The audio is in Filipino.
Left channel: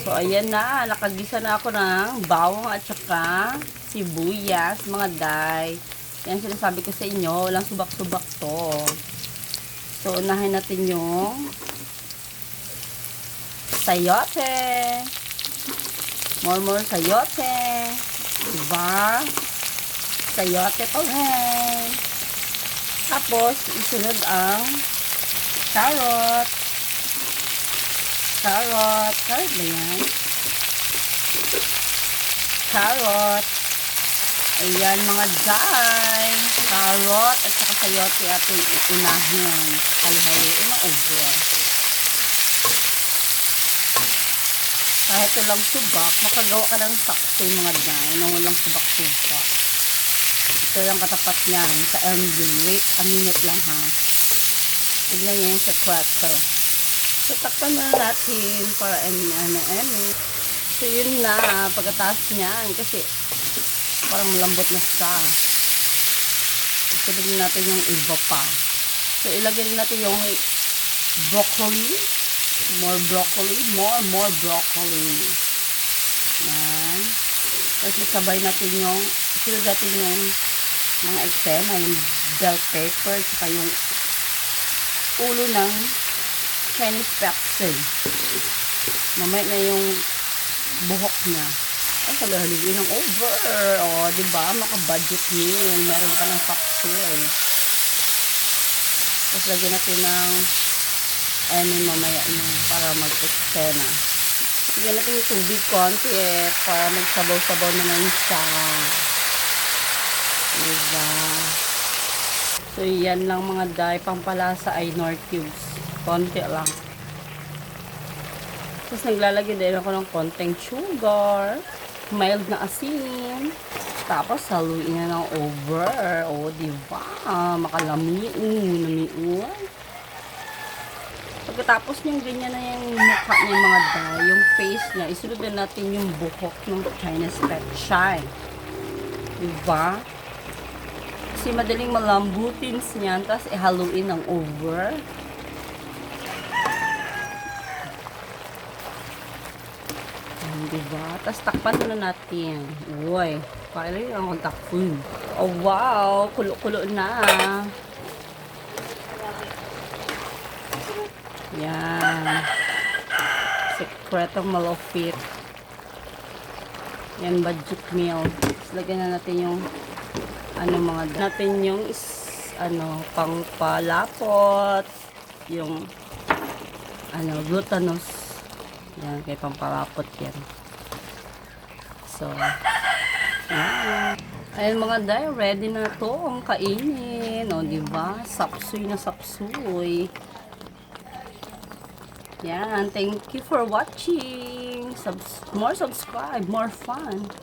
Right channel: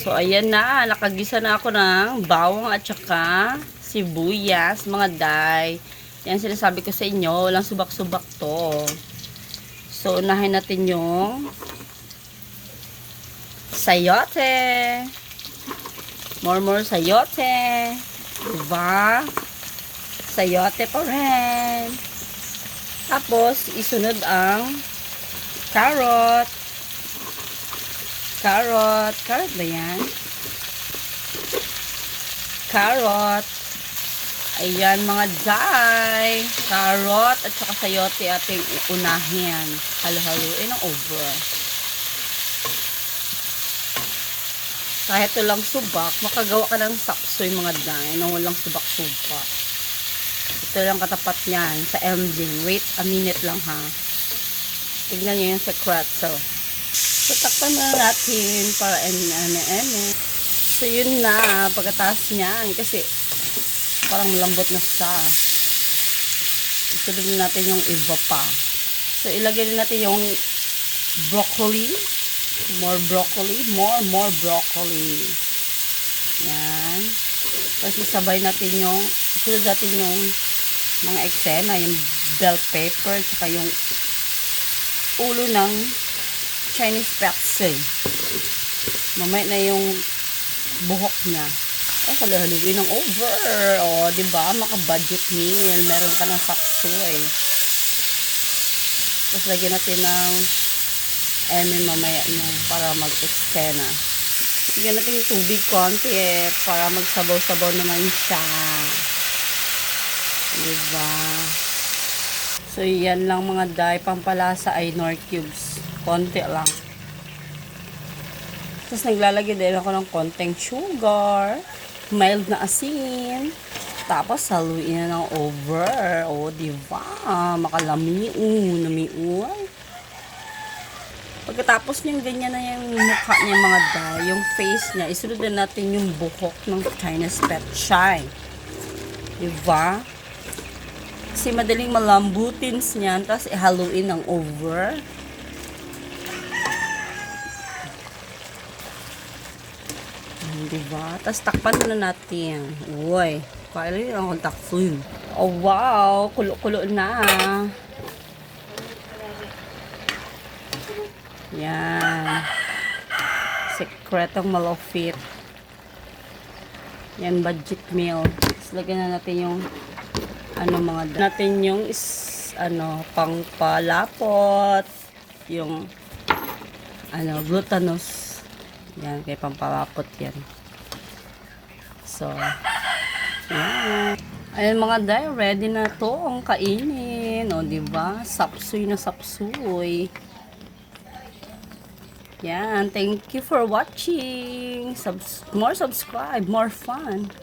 So, ayan na. Nakagisa na ako ng bawang at saka sibuyas, mga day. Yan sinasabi ko sa inyo. Walang subak-subak to. So, unahin natin yung sayote. More sayote. Diba? Sayote pa rin. Tapos, isunod ang carrot. Carrot ba yan? Carrot. Ayan mga day. Carrot at saka sayote ating unahin. Halo-haloin ang over. Kahit walang subak, makagawa ka ng sakso yung mga day na walang subak-subak. Ito lang katapat niyan sa ending. Wait a minute lang ha. Tignan niyo yung sekreto. So, takpan na natin para ano. So, yun na. Pagkatapos niyan. Kasi, parang malambot na siya. Isunod natin yung iba pa. So, ilagay natin yung broccoli. More broccoli. Yan. Tapos, isabay natin yung, isunod natin yung mga eksena, yung bell pepper, saka yung ulo ng Chinese pepsi. Namay na yung buhok na. Ay, halo-haloin ng over. O, diba? Maka-budget meal. Meron ka ng sakso eh. Tapos lagyan natin ng mamaya na para mag-extena. Lagyan natin yung tubig konti eh. Para magsabaw-sabaw naman siya. Diba? So, yan lang mga day. Pampalasa ay Knorr cubes. Konti lang. Tapos naglalagay din ako ng konting sugar, mild na asin, tapos haluin na ng over. O, diba? Namiuan. Pagkatapos niyang ganyan na yung mukha niya mga day, yung face niya, isunod na natin yung buhok ng Chinese petchay. Diba? Kasi madaling malambutin niyan, tapos ihaluin ng over. Diba? Tapos takpan na natin. Uy, kailan yung akong takpun. Oh wow, kulo-kulo na. Yan. Sekretong malupit. Yan, budget meal. Tapos lagyan na natin yung mga natin yung pangpalapot. Yung glutinous. Yan, kay pampalapot yan. So, yan. Ayun mga day, ready na to ang kainin. O, diba? Sapsoy na sapsoy. Yan, thank you for watching. More subscribe, more fun.